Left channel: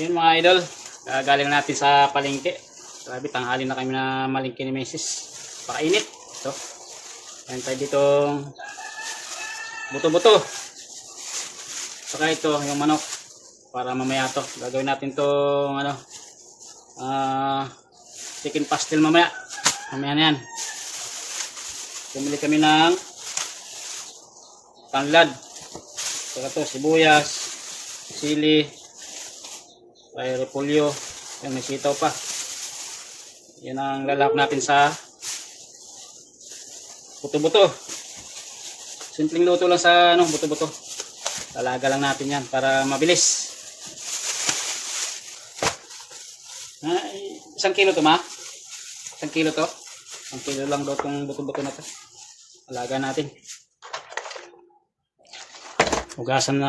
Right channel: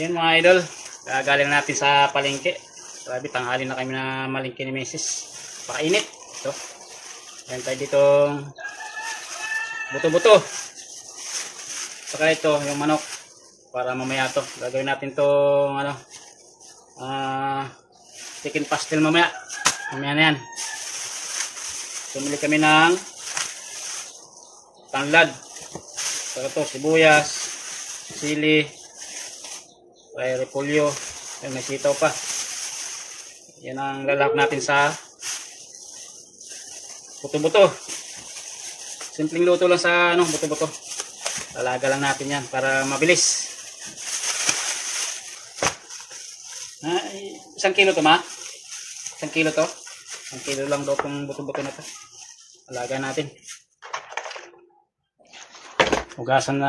Yun mga idol, galing natin sa palengke. Grabe, tanghali na kami na malingki ni Mrs. Pakainit. So, ayun tayo ditong buto-buto. Saka ito, yung manok. Para mamaya to, gagawin natin tong ano, chicken pastel mamaya. Mamaya na yan. Bumili kami ng tanglad. Saka to, sibuyas, sili, ay repolyo, yan, may sitaw pa. Yan ang lalak natin sa buto-buto. Simpleng luto lang sa ano, buto-buto. Lalaga lang natin yan para mabilis. Isang kilo to ma? Isang kilo to? Isang kilo lang daw itong buto-buto na to. Alaga natin. Hugasan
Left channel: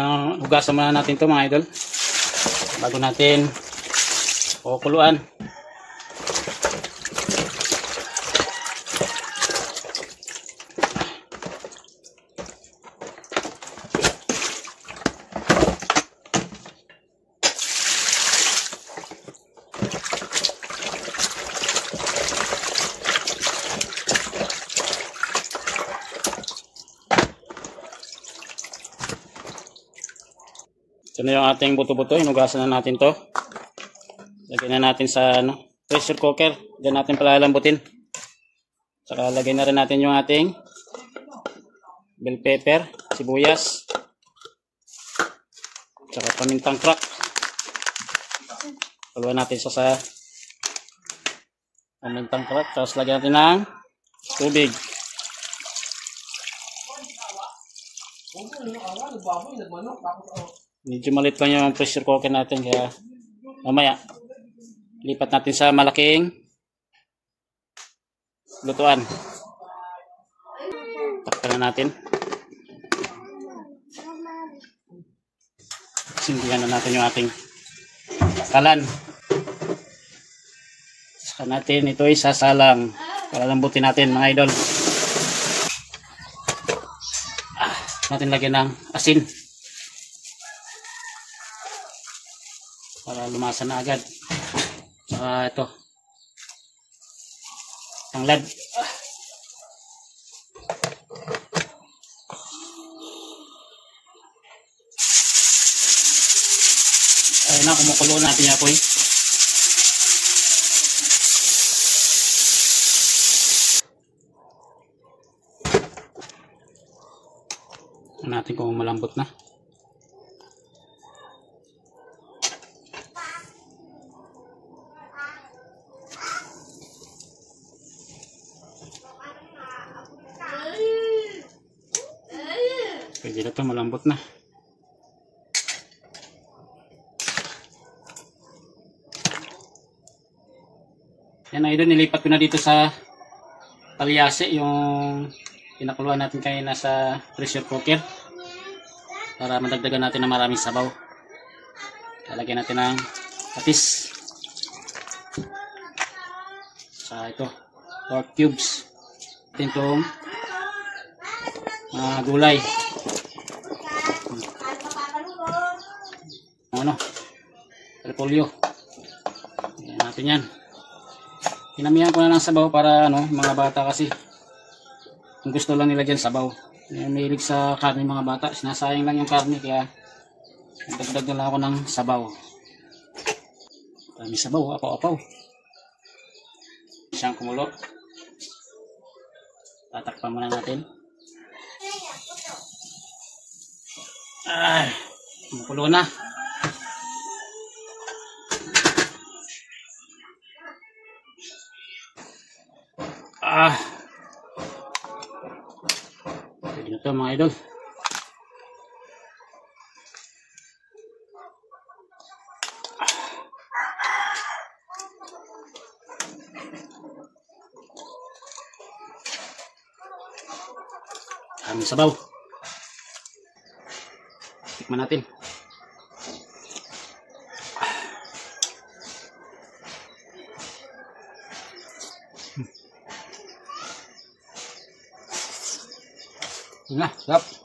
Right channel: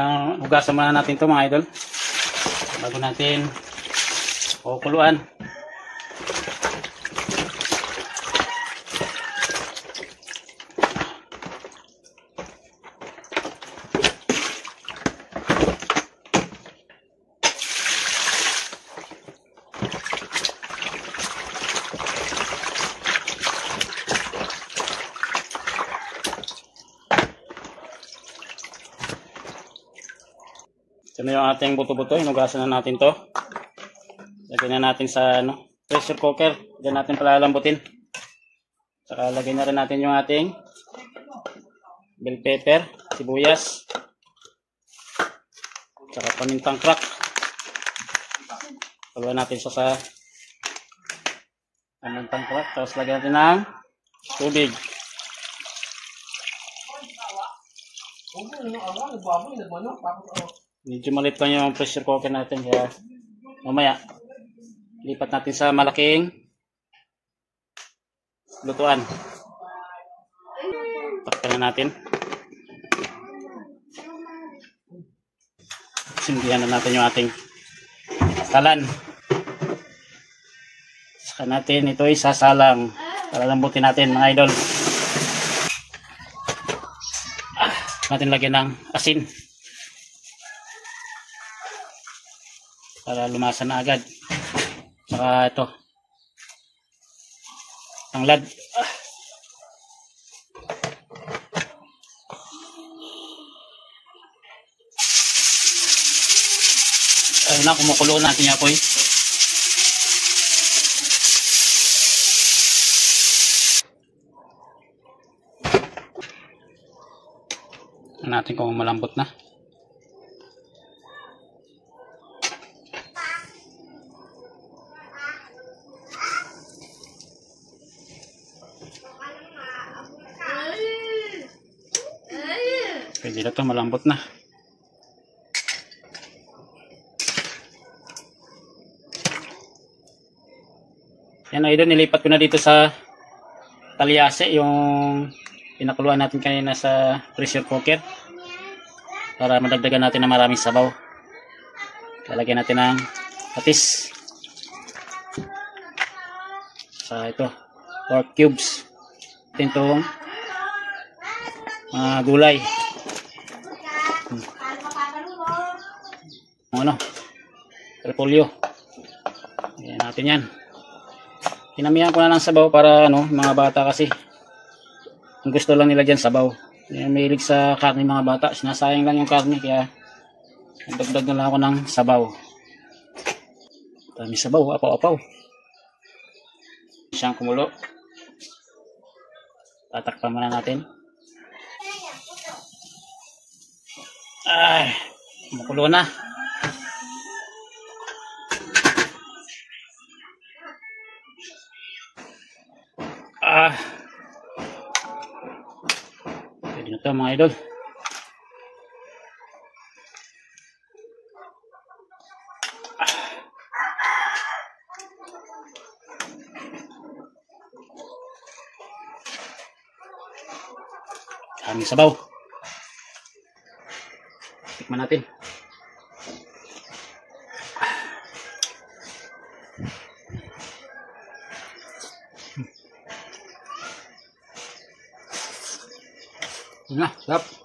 muna natin to mga idol. Bago natin kukuluan. Ito na yung ating buto-buto. Hinugasan na natin to. Lagyan na natin sa ano, pressure cooker. Diyan natin palalambutin. Saka lagyan na rin natin yung ating bell pepper, sibuyas, saka pamintang crack. Paluan natin sa pamintang crack. Tapos lagyan natin ng tubig. Medyo maliit pa yung pressure cooker natin, kaya mamaya lipat natin sa malaking lutuan. Takpan na natin. Sindihan na natin yung ating kalan. Saka natin ito isasalang para lambutin natin mga idol. Natin lagyan ng asin para lumasa na agad. Saka ito tanglad. Ayun na, kumukulo natin yung apoy. Natin kung malambot na. Pwede na ito, malambot na. Yan idol, nilipat ko na dito sa talyase yung pinakuluan natin kanina sa pressure cooker para madagdagan natin ng maraming sabaw. Lalagyan natin ng patis. Sa ito, pork cubes. Ito itong mga gulay. Ano? Repolyo. Ayan natin yan. Pinamihan ko na ng sabaw para ano, mga bata kasi ang gusto lang nila dyan sabaw. May hilig sa karne mga bata. Sinasayang lang yung karne kaya nagdagdag na lang ako ng sabaw. Dami sabaw, apaw-apaw. Siyang kumulo. Tatakpan muna natin. Ay, kumukulo na. Pwede na ito mga idol. Aming sabaw. Tikman natin. Sarap.